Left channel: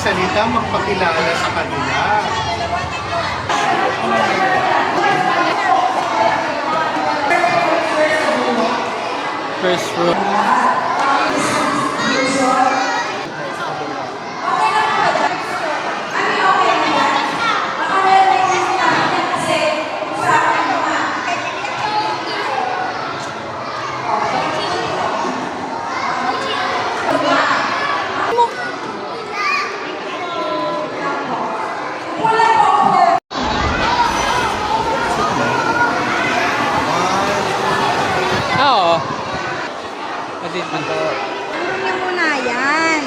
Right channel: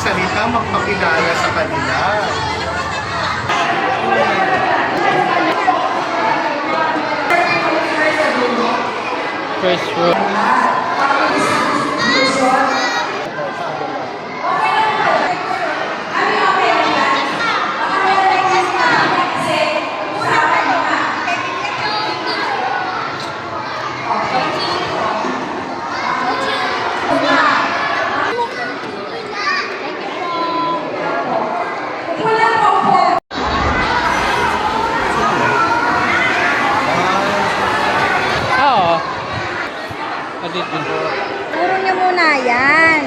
magsalita, magpakilala sa kanila. First row. Oo. Puro niyo muna yan.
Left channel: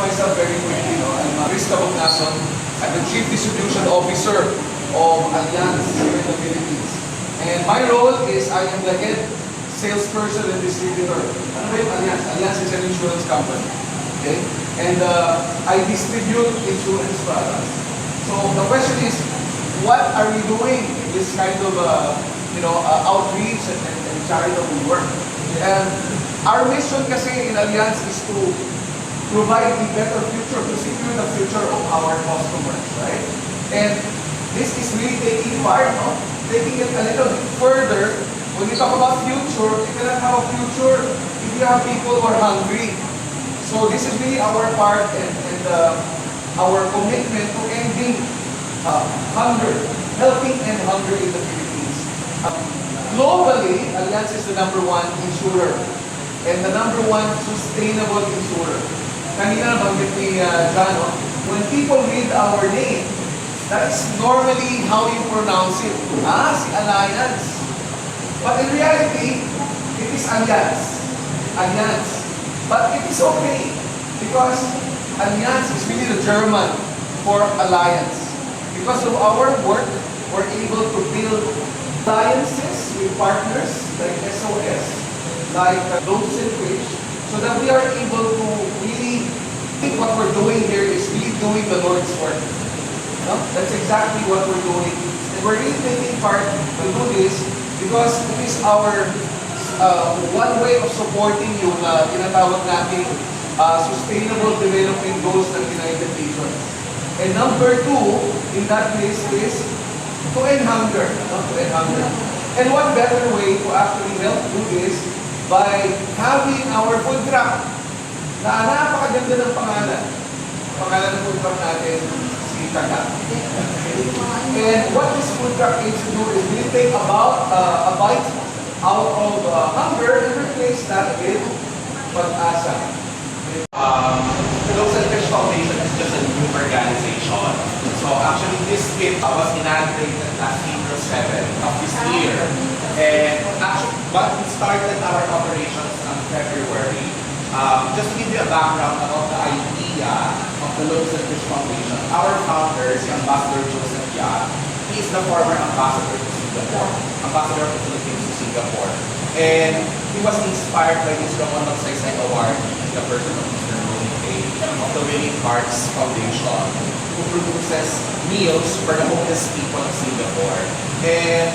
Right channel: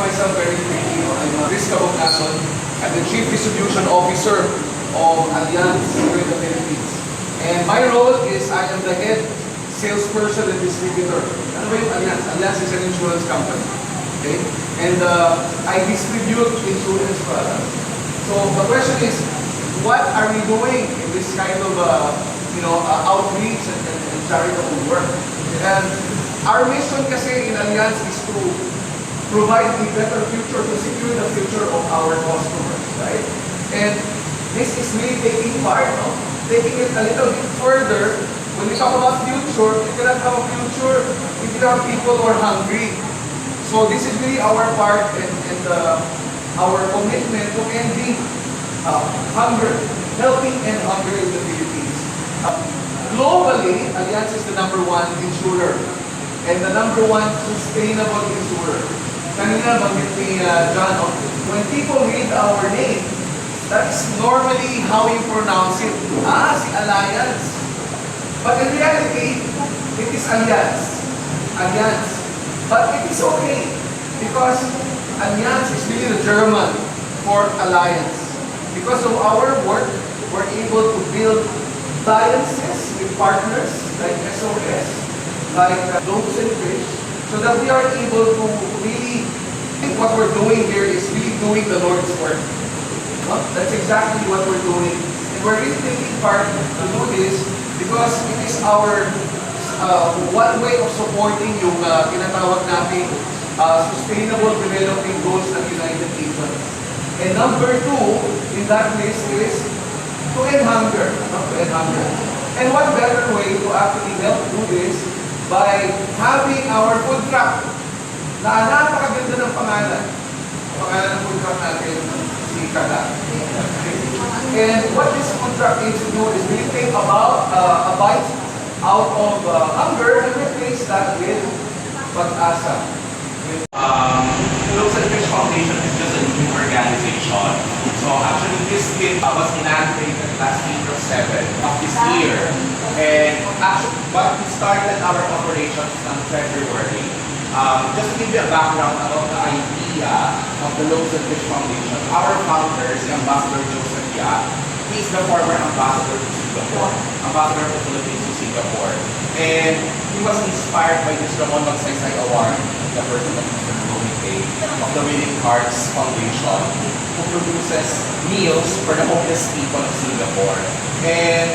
Myself very quickly. I'm Riz Cabocnason. I'm the Chief Distribution Officer of Allianz here in the Philippines. And my role is I am the head salesperson and distributor. Ano ba yung Allianz? Allianz is an insurance company. Okay? And I distribute insurance products. So the question is, what are we doing in this kind of outreach and charitable work? And our mission kasi in Allianz is to provide a better future, to secure the future of our customers, right? And this is really taking part, taking it a little bit further. When we talk about future, you cannot have a future if you have people who are hungry. So this is really our part and our commitment to ending hunger, helping end hunger in the Philippines. Globally, Allianz is the #1 insurer and the #1 sustainable insurer. Kanina banggit ni John, when people read our name, that's normally how you pronounce it. Si Allianz. But in reality, it is Allianz. Allianz. But it is okay because Allianz is really the German for alliance. Because of our work, we're able to build alliances with partners like SOS, like Loaves and Fish, so that we are able to really think what we're doing here is really doing the Lord's work. That's exactly what we're doing. And we're really taking part to do this because it is our one way of supporting yung tinatawag nating sustainable development goals ng United Nations. And number 2 in that list is to end hunger. To end hunger. And what better way to actually help do this by having our food truck na napakaganda ng pangalan. Pangalan ng food truck natin, si Taga. And what this food truck aims to do is we take about a bite out of hunger and replace that with pag-asa. Loaves and Fish Foundation is just a new organization. So actually this kit was inaugurated last April 7 of this year. And actually, but we started our operations on February. Just to give you a background about the idea of the Loaves and Fish Foundation, our founder, si Ambassador Joseph Yap, he is the former ambassador to Singapore, ambassador of the Philippines to Singapore. And he was inspired by this Ramon Magsaysay Award, the person of Mr. Louis Pay, of the Willing Hearts Foundation, who produces meals for the homeless people of Singapore. And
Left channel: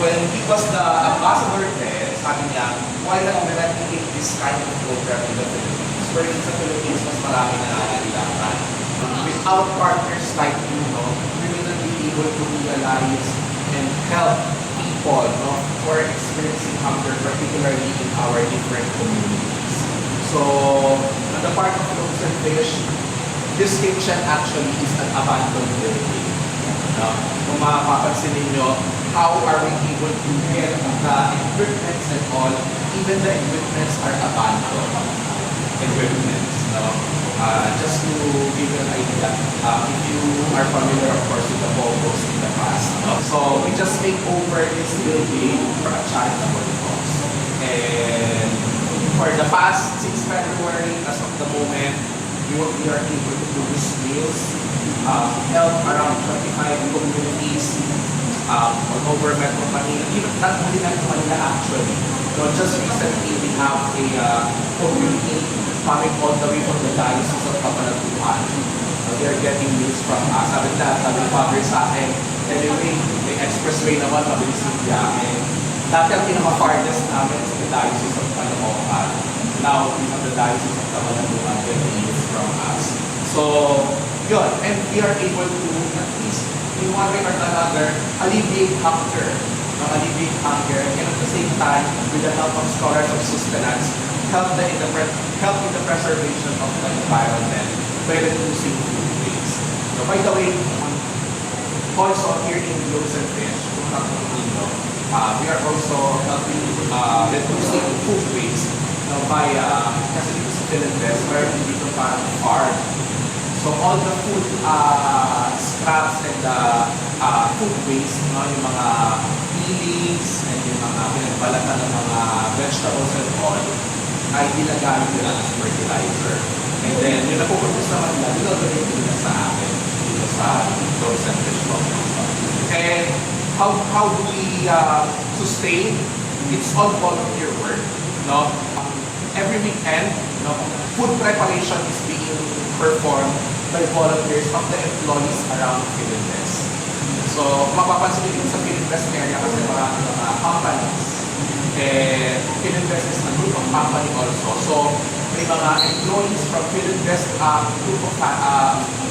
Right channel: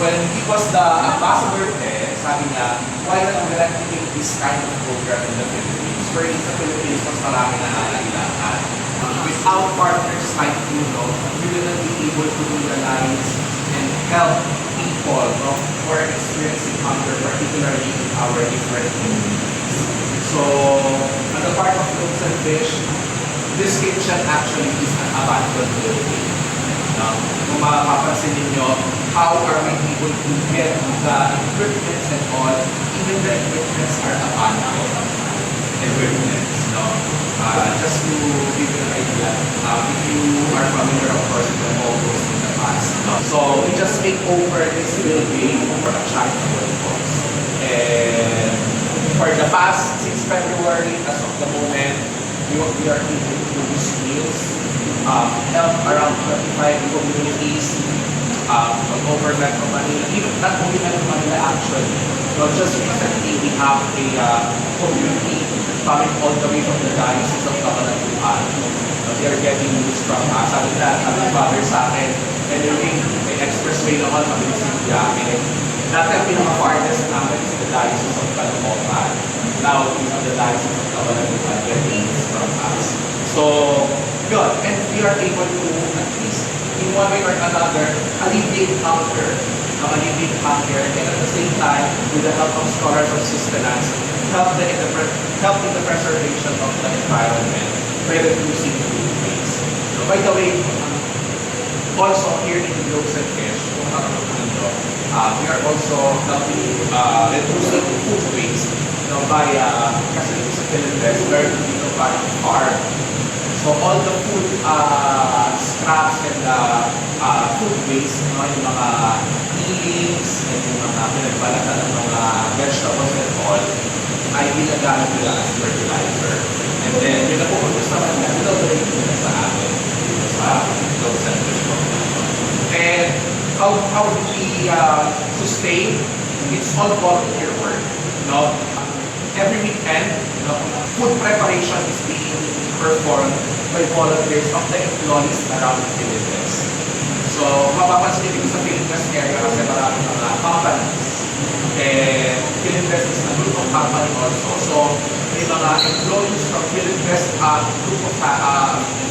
when he was the ambassador there, sabi niya, why not we replicate this kind of program in the Philippines? For in the Philippines, mas marami na nangangailangan. Without partners like you, we will not be able to realize and help people who are experiencing hunger, particularly in our different communities. So, on the part of Loaves and Fish, this kitchen actually is an abandoned building. Kung mapapansin ninyo, how are we able to get the equipments and all, even the equipments are abandoned equipments. No? Just to give you an idea, if you are familiar, of course, with the Mogos in the past. No? So we just take over this building for a charitable cause. And for the past, since February, as of the moment, we are able to produce meals, help around 25 communities, all over Metro Manila, even not only Metro Manila actually. So just recently, we have a community coming all the way from the Diocese of Cabanatuan. So they are getting news from us. Sabi ni Father sa akin, anyway, may expressway naman, mabilis yung biyahe. Dati ang pinaka-farthest namin is the Diocese of Caloocan. Now, we have the Diocese of Cabanatuan getting news from us. So, yun. And we are able to, at least, in one way or another, alleviate hunger. Alleviate hunger. And at the same time, with the help of storage of sustenance, help in the preservation of the environment by reducing food waste. So, by the way, also here in Globes and Fish, kung we are also helping reducing food waste by kasi dito sa Philippines, meron dito parang farm. So all the food scraps and food waste, yung mga peelings and yung mga pinagbalatan ng mga vegetables and all, ay ginagamit nila as fertilizer. And then, may napupuntos naman na, dinodonate nila sa amin dito sa Globes and Fish Foundation. And how do we sustain? It's all volunteer work. No? Every weekend, food preparation is being performed by volunteers of the employees around Philippines. So, mapapansin nyo sa Philippines area kasi maraming mga companies. And Philippines is a group of company also. So, may mga employees from Philippines group of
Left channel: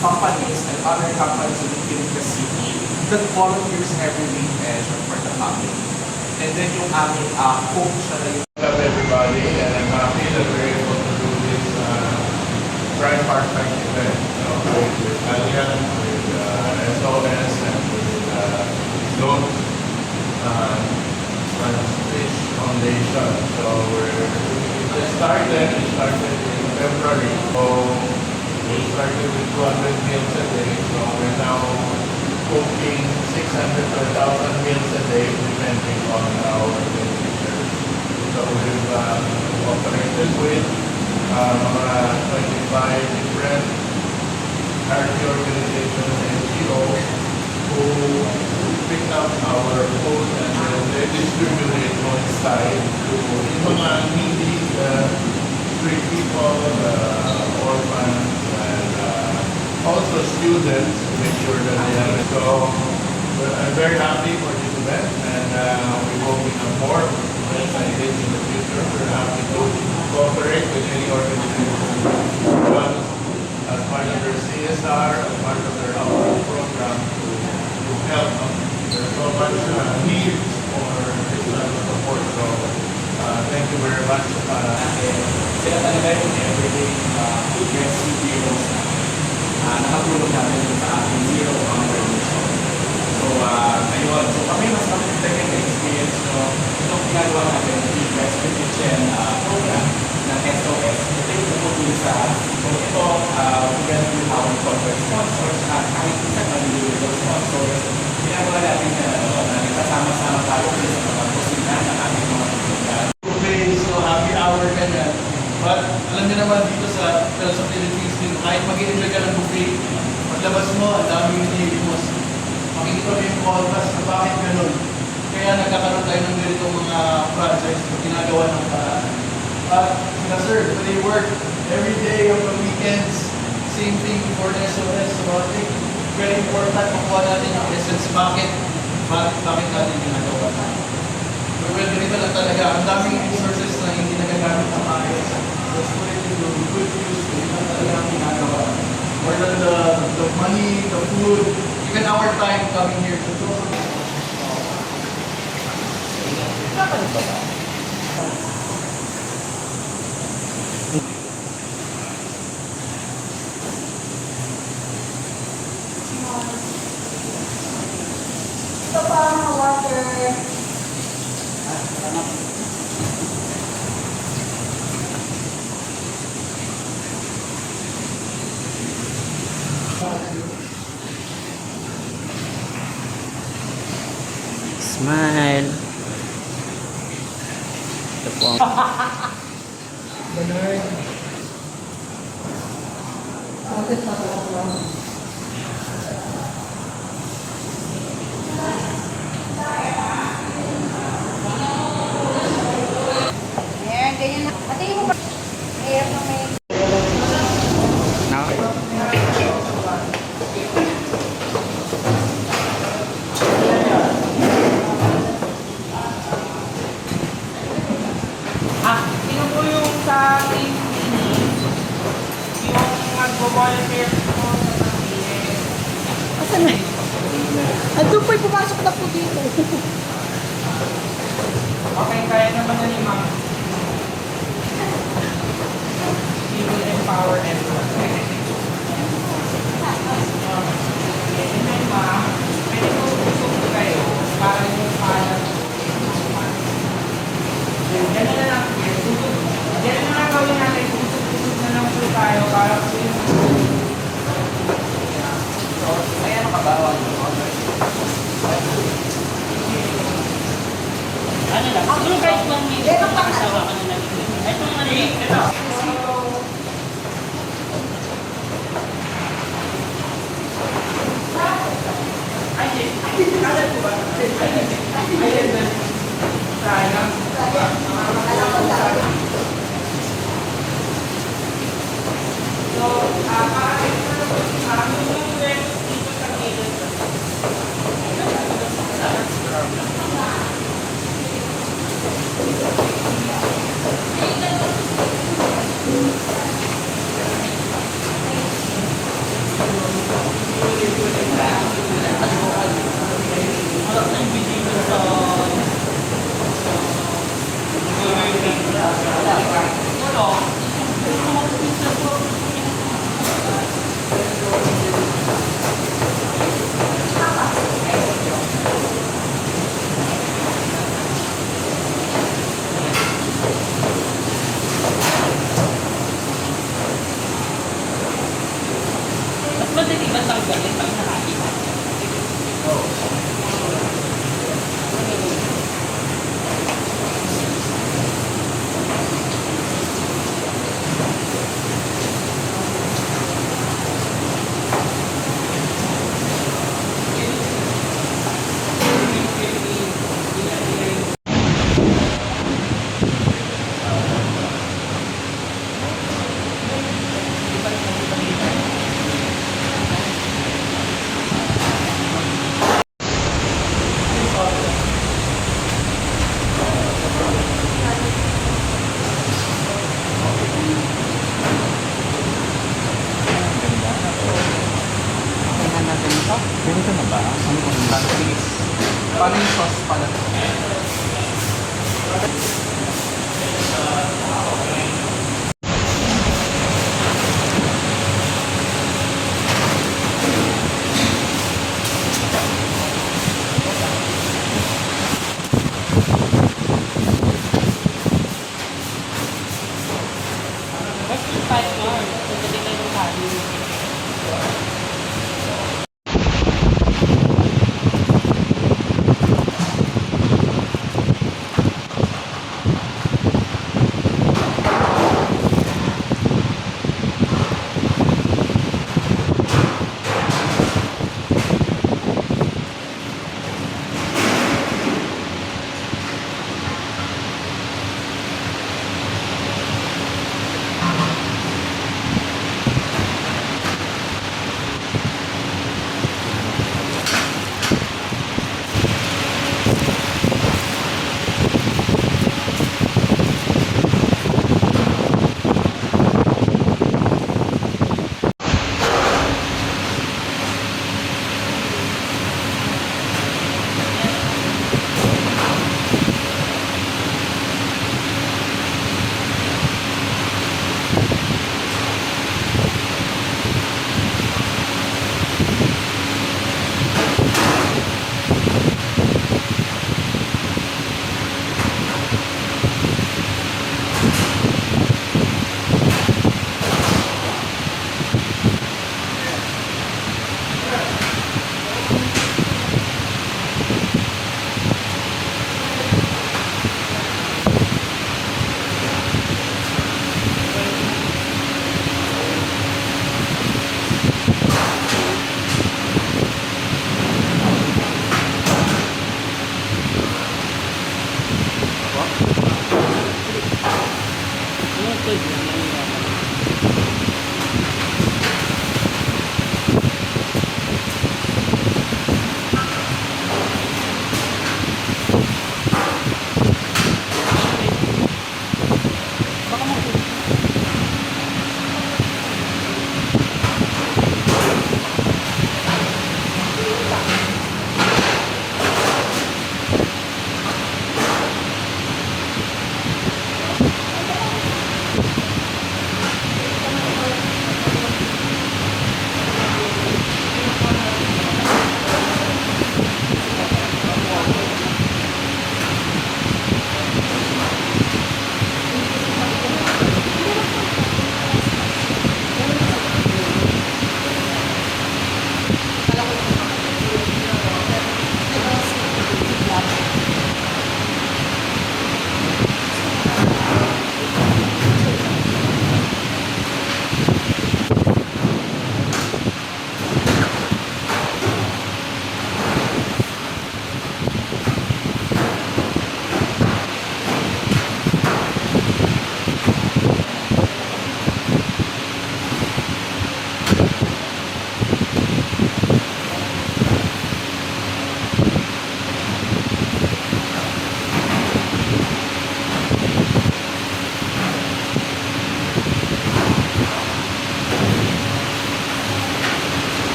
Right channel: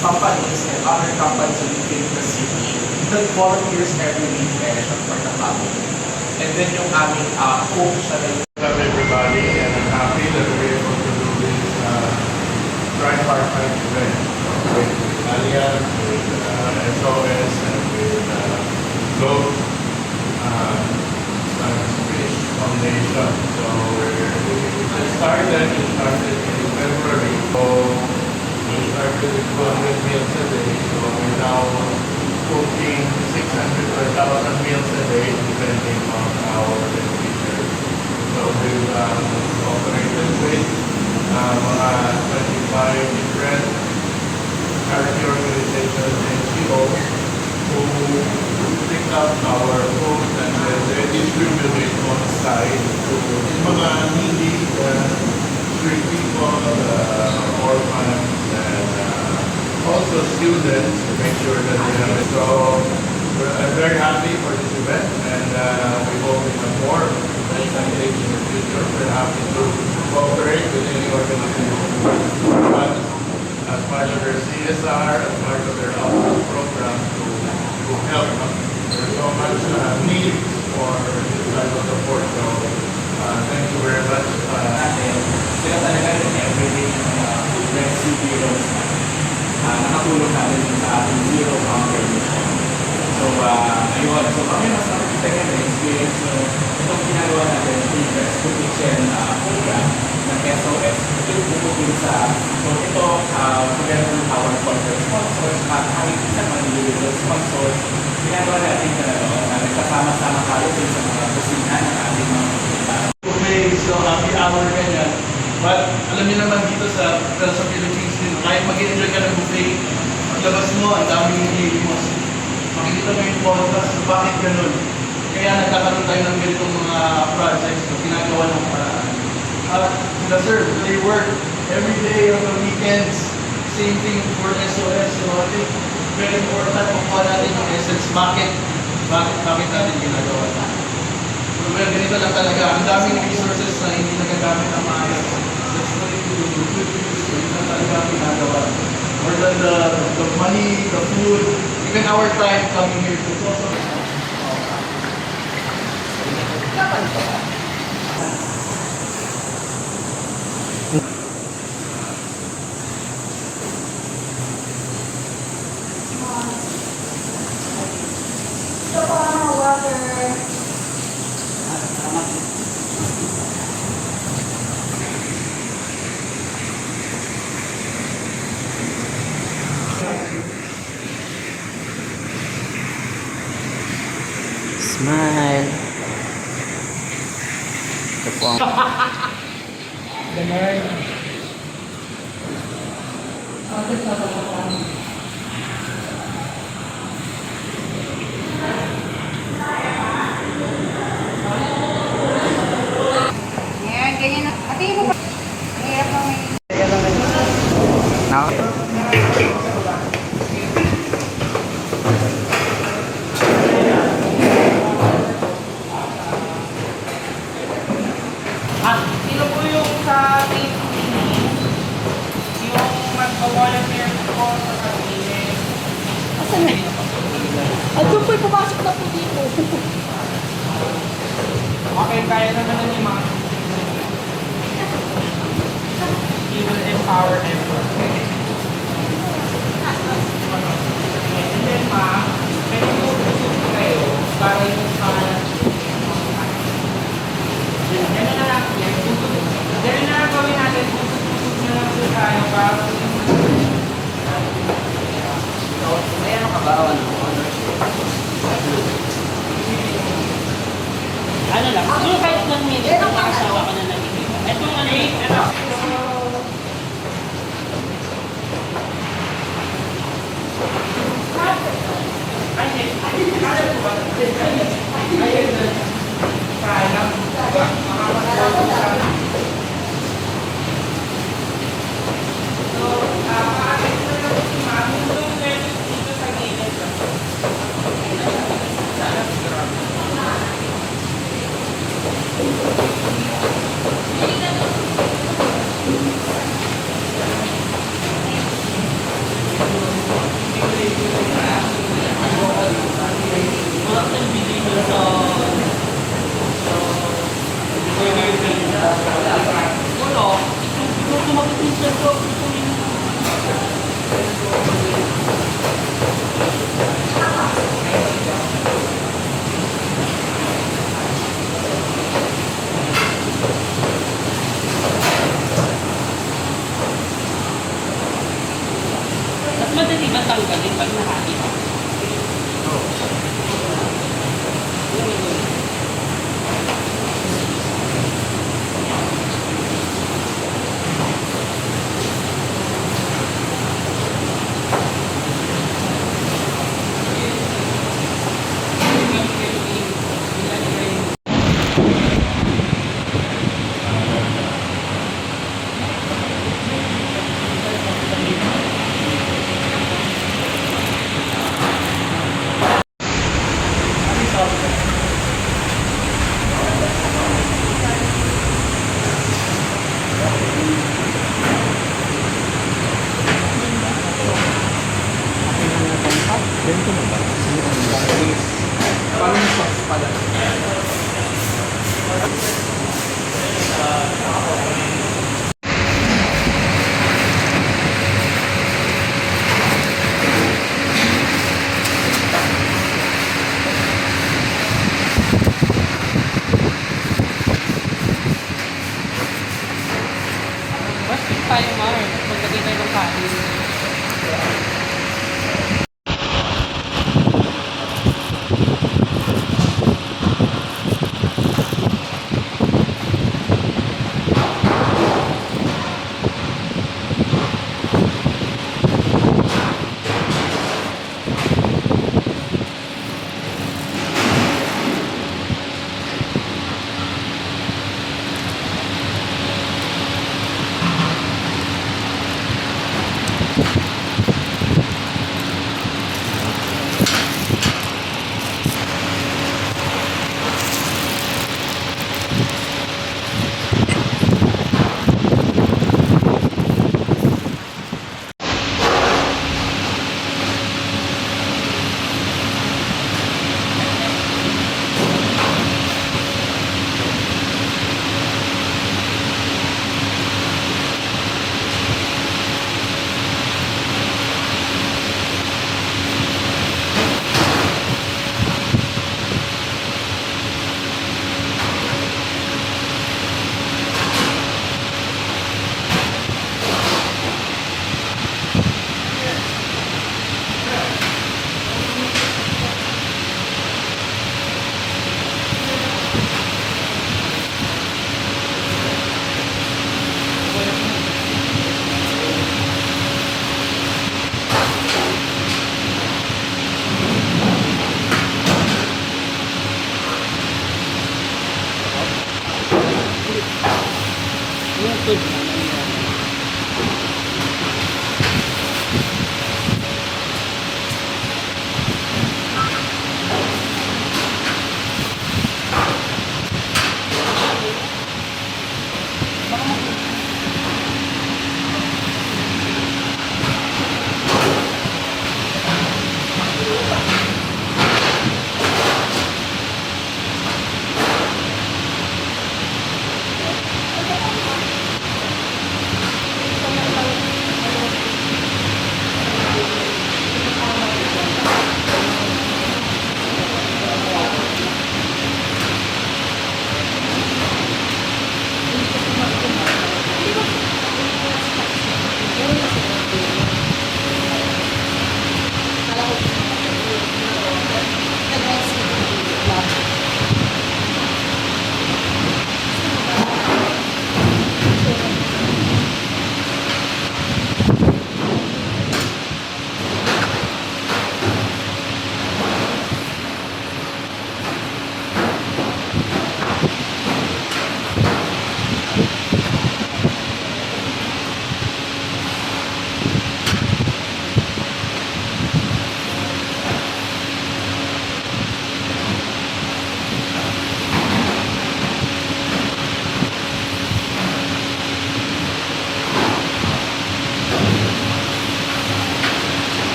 companies and other companies in Philippines City that volunteers every weekend for the family. And then yung aming coach na Hello everybody, and I'm happy that we're able to do this tripartite event with Allianz, with SOS, and with Globe Fish Foundation. So we started in February. So we started with 200 meals a day. So we're now cooking 600 to 1,000 meals a day, depending on how the teacher. So we've operated with mga 25 different charity organizations and NGOs who pick up our food and they distribute it on site to mga needy street people, orphans, and also students to make sure that they have it. So I'm very happy for this event, and we hope we have more events like this in the future. We're happy to cooperate with any organization but as part of their CSR, as part of their outreach program to help. There's so much need for this type of support. So thank you very much. Sila talaga yung everyday rescue heroes na nakatulong namin sa ating zero hunger mission. So, ayun. So, kami mas nakakita rin na experience nyo itong ginagawa natin yung rescue mission program ng SOS. Ito yung pupuli sa so, ito, together with our corporate sponsors, kahit isa man individual sponsors, ginagawa natin na nagkasama-sama tayo sa mga kusina ng ating mga pupunta. Buffet, so happy hour ganyan. But alam niyo naman dito sa Philippines din, kahit mag-enjoy ka ng buffet, paglabas mo, ang daming nililimos. Makikita mo yung contrast sa bakit ganun. Kaya nagkakaroon tayo ng ganitong mga projects na ginagawa ng paraan. At sir, they work every day on the weekends. Same thing for SOS. So I think very important makuha natin ang essence. Bakit natin ginagawa? So ganito lang talaga. Ang daming resources na hindi nagagamit ng maayos. Let's put it to the good use. So yun ang talaga ang ginagawa. More than the money, the food, even our time coming here to talk about. Smile. Ito po ang... Ayan, ganyan na. Pati mo ba? Hirap na may... Nak- Sino po yung sa team yung magbo-volunteer po sa pag-ibig? Asan na? Andun po'y pumasok na po dito. Okay, kaya naman na ni Ma'am. He will empower everyone. And then Ma'am, pwede po isusunod kayo para yung kaya. Ganun na lang. Ganun na lang gawin natin. Susugod na lang po tayo para po yung... May ano ka ba? Ano lang, siguro kahit 1 minute kung nakasawa ka na lang ito. Ito yung ano yun. Mas madali ba tanggalin pag nakakita?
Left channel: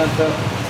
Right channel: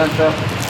lang to.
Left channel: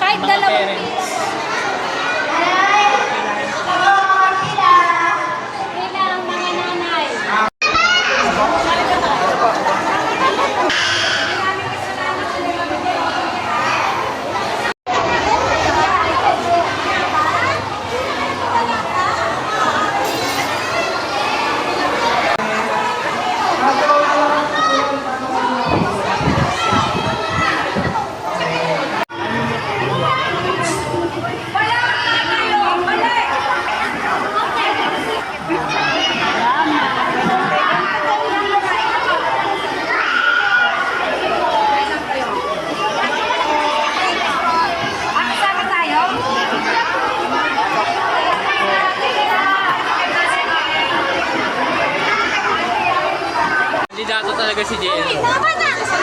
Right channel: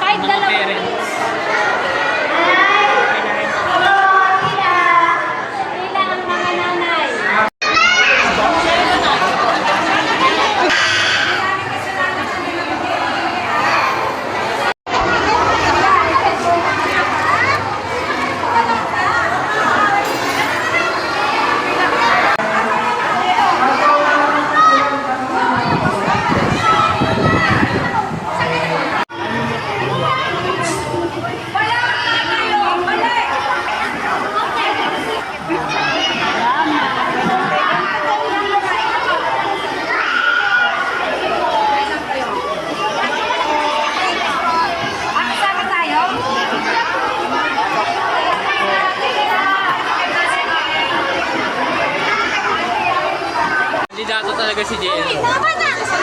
Kahit dalawa. Kailangan mga nanay. Kasama tayo? Kandidato talaga si JL. Tama na!